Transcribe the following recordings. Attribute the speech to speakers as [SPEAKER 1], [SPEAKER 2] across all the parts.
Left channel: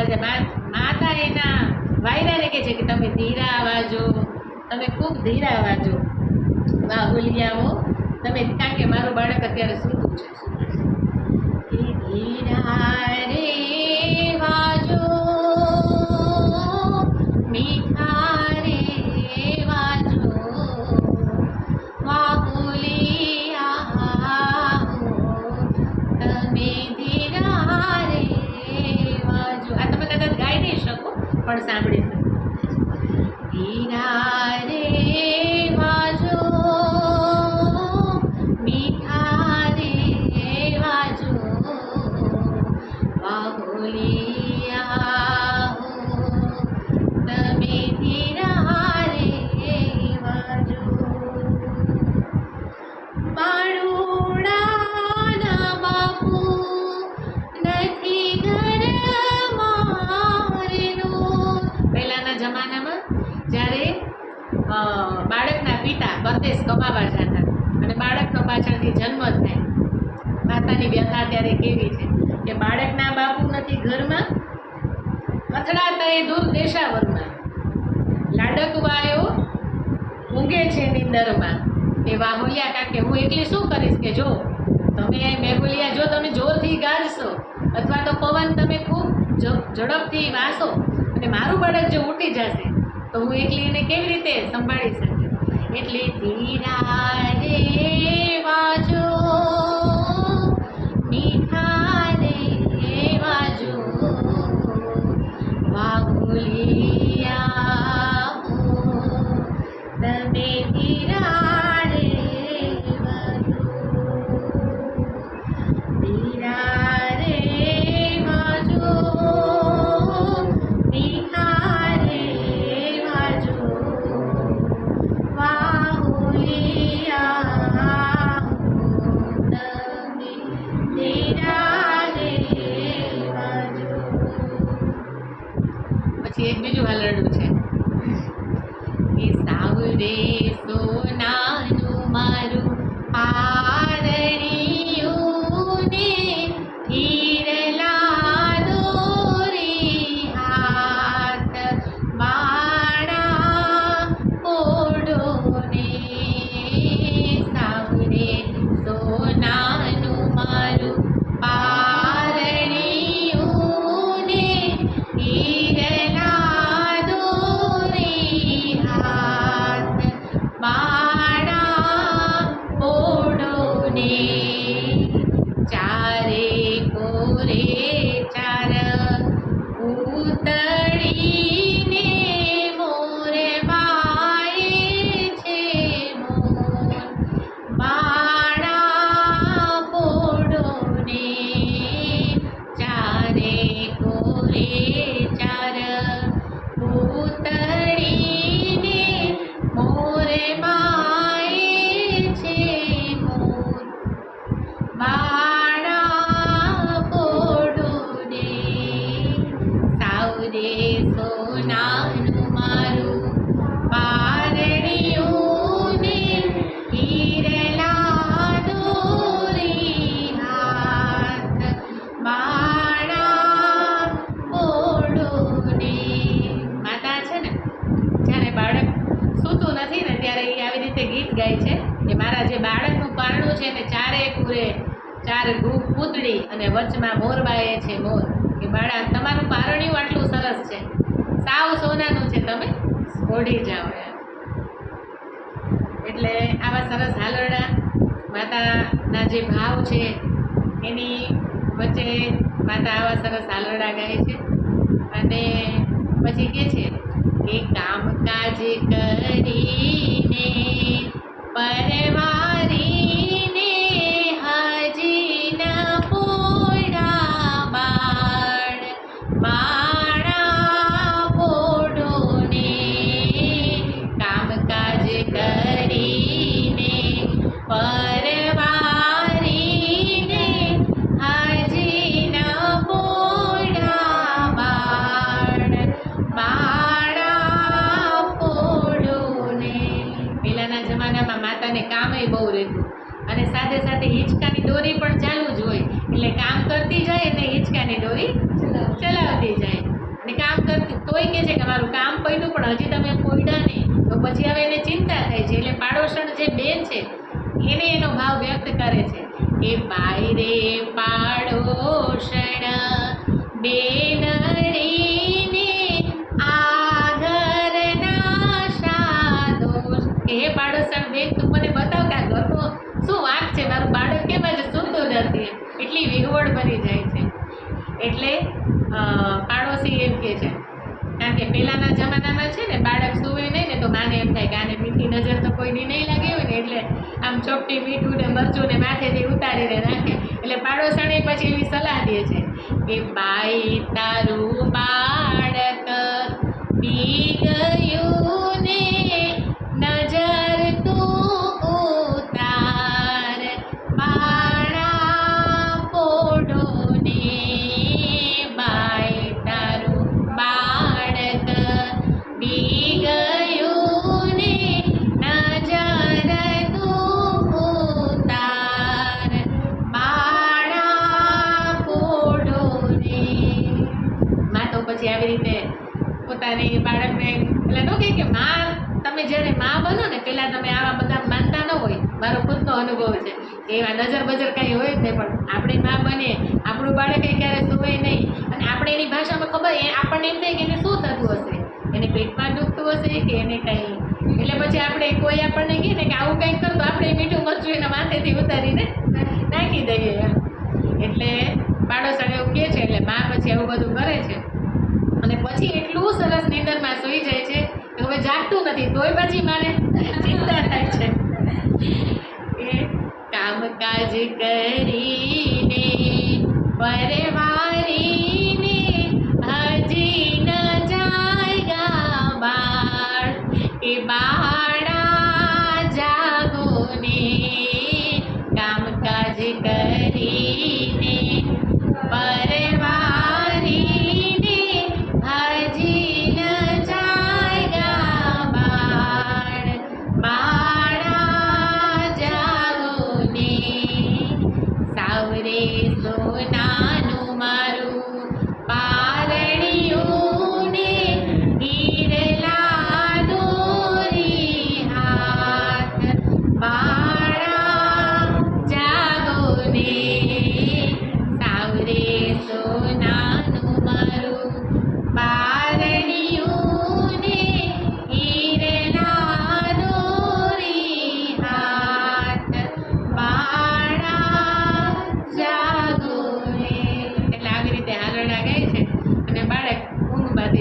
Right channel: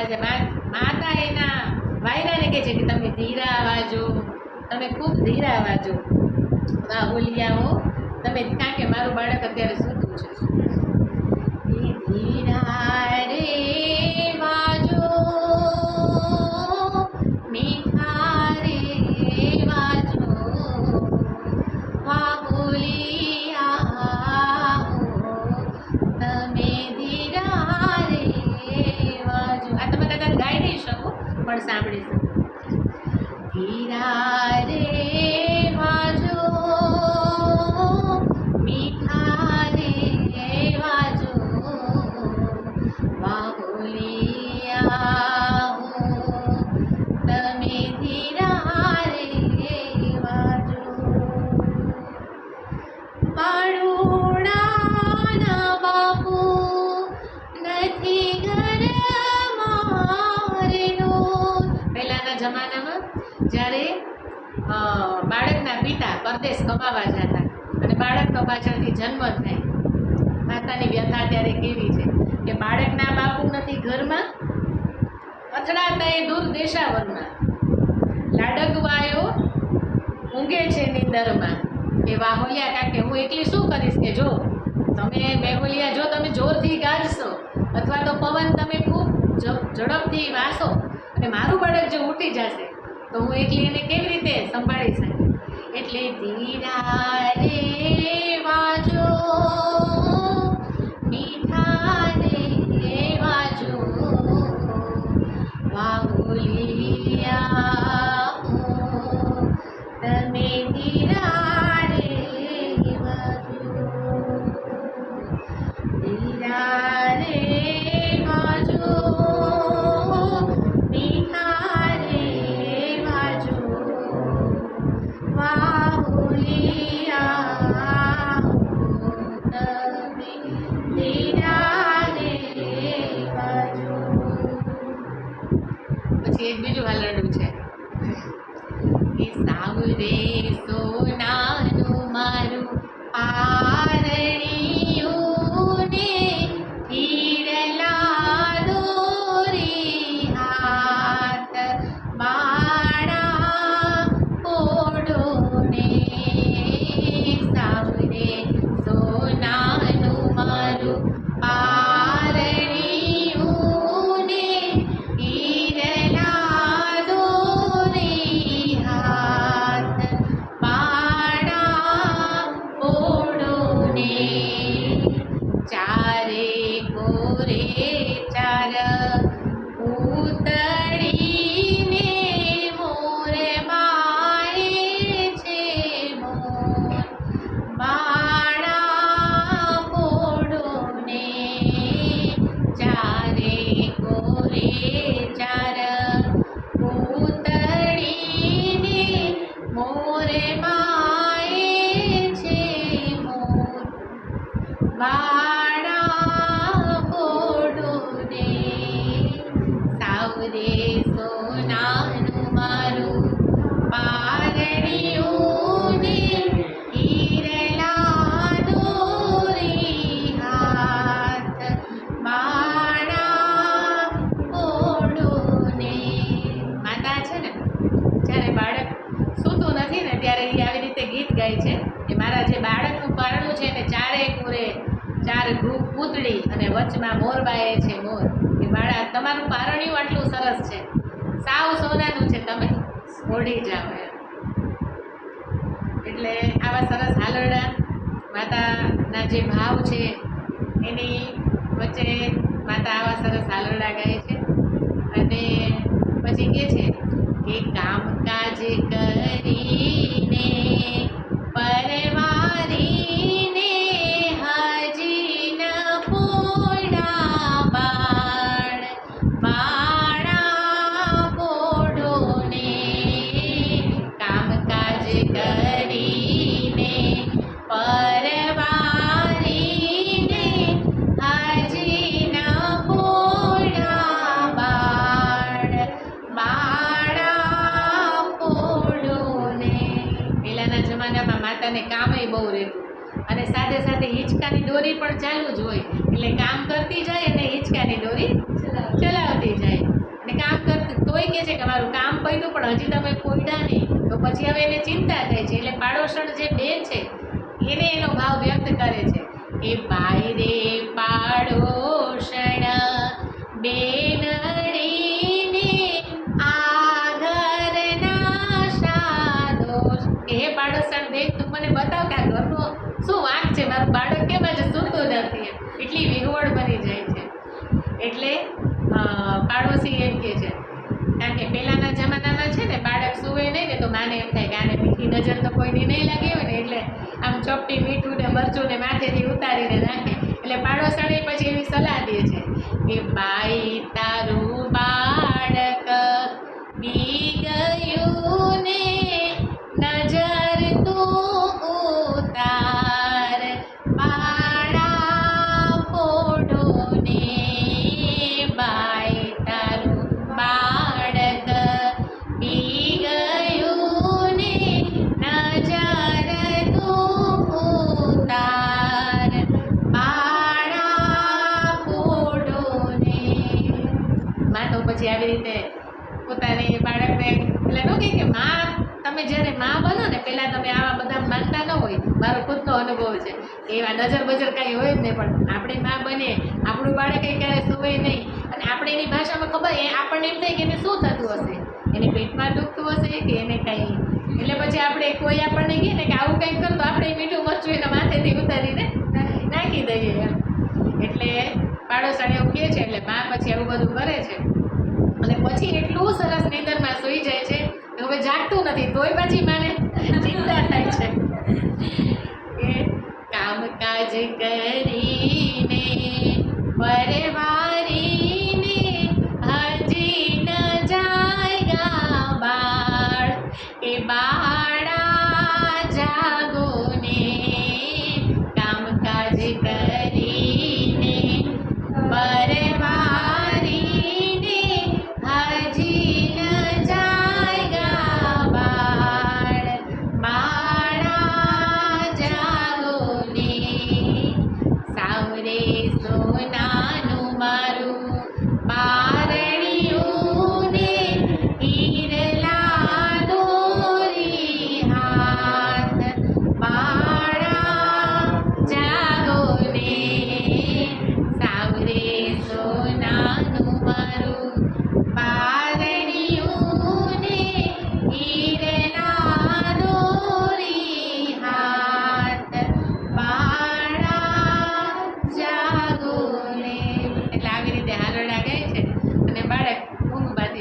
[SPEAKER 1] અવાજે મા- માતા એના વાયરાને કહે છે કે તમે ધીરા વાજો તમે ખૂબ ધીરા અવાજો. બાહુલિયાઓ તમે કારણ કે મારું બાળક અત્યારે સૂતું છે. ધીરા રે વાજો પણ બાળકના પિતા પરદેશ કમાવા જતા અને બાળકનો પાછળથી જન્મ થાય. માતાની વ્યથા ત્યારે કેવી છે કે બાળકના બાપુ નથી ઘરમાં? અથડાતા એ દૂર દેશાવરમાં. લાડકવાયો ઊંઘે છે નિંદરમાં. એ વાહોલિયા કાકે, હું એકલી શું કરીશ કે જો, તમે મેહુલિયા જો તમે જોરથી ગાજશો અથવા તો પવન તમે ખૂબ ઝડપથી વાસો અને મારું બાળક જો ઉઠી જશે તો હું એકલી એને કેવી રીતે સંભાળી શકું એટલે ધીરા રે વાજો મીઠા એક બીજું હાલરડું છે. કે સાવરે સોનાનું મારું પારણિયું મોર બાળા પોડોને સાવરે સોનાનું માતા છે ને, જ્યારે બાળક સૂતું નથી ને ત્યારે એ આવી રીતે ગીત ગાય છે. કે મારા જે બાળકનું પારણું છે ને, ચારે કુરે, ચાર ગ્રુપ પૂતળી અને વચમાં મોરબાએ છે મોર. કે બાળા, તમારું પારણ્યું આટલું સરસ છે. સાવ સોનાનું છે, તમે ઓઢી જાઓ એમ. એટલે આવા સરસ હાલરડા માતાના જે ભાવ છે, એની વચ્ચે માતા આવા સરસ હાલરડા ગાય છે. અને પછી કે છે કે કામકાજ કરીને પરવારીને હજી ન પોડા બાળ બાળા બોડોને કામકાજ કરીને જમાનામાં માતાને કામય બહુ રહેતું. અને સાથે સાથે હિંચકાની દોરી પણ ચાલુ જ હોય. એટલે કામ કરતી જાય અને હિંચકાની દોરી ચલાવતી જાય. અને કામ કરતી તોય કહે છે કે મારું કામ પડ્યું, પણ હજી તમે પોઈડા નહીં. તો પછી હવે એને ચિંતા થાય છે. એટલે પાડોશણ જે બેન છે, એને એનો ભાવ વ્યક્ત કરે છે એ બાઈ રે પાડોશણ બેનડીને કે હે પાડોશણ બેન તું મને બતાવ કે આ ઘરનો શું વાંક છે? મારું બાળક કેમ આજે સૂતું નથી? એટલી વિહવળ બની જાય છે. એટલે પાડોશી એમ કહે છે. કારણ કે પહેલાંના જમાનામાં છે ને, બાળક સૂવે નહીં ને તો માને એમ થાય કે આને મીઠી નજર તો કોઈની નહીં લાગી હોય ને, એટલે આમ ચોપટી મીઠું ને મરચું ને માથેથી ઉતારીને નાખે. એટલે પાડોશણી પછી એવી સલાહ દે છે કે, ભાઈ, તારું બાળક બી ગયું આવી રીતે પોતાની બાળકને એટલે ન કહે કે માં, તમે જ્યારે માં બનો ને પહેલાં તમે આવા બધા માનતા ન હોય. મારો ખુદનો અનુભવ છે. કે એવા નજર બજર કાંઈ હોય જ નહીં, પણ આપણી માં બને, આપણું બાળક એ ક્યારે સુવે નહીં. અને આપણે એની ભાષામાં ખબર, એ આપણને એમ થાય કે એને શું થતું હશે? એને પેટમાં દુખતું હશે કે એને કંઈ? એટલે પછી આપણે કોઈ આપણને કહે ને કે આવું કંઈક કર તો આપણે મીઠું મરચું એના માથેથી ઉતારીને નાખી દઈએ એમ. એટલે પાડોશણ એવું કહે છે, એટલે મા પછી આવું બધું કરે છે. અને પછી એટલું સરસ નીંદરમાં સૂઈ જાય છે કે હવે જાગતું નથી, તોય પછી માને ચિંતા થાય છે. કે કામકાજ કરીને પરવારીને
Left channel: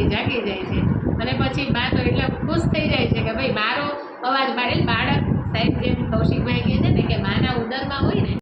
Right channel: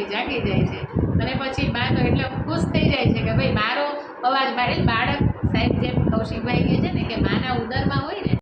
[SPEAKER 1] જાગી જાય છે. અને પછી બા તો એટલે ખુશ થઈ જાય છે કે ભાઈ મારો અવાજ મારે બાળક સાહેબ જેમ કૌશિકભાઈ કહે છે ને કે માના ઉદરમાં હોય ને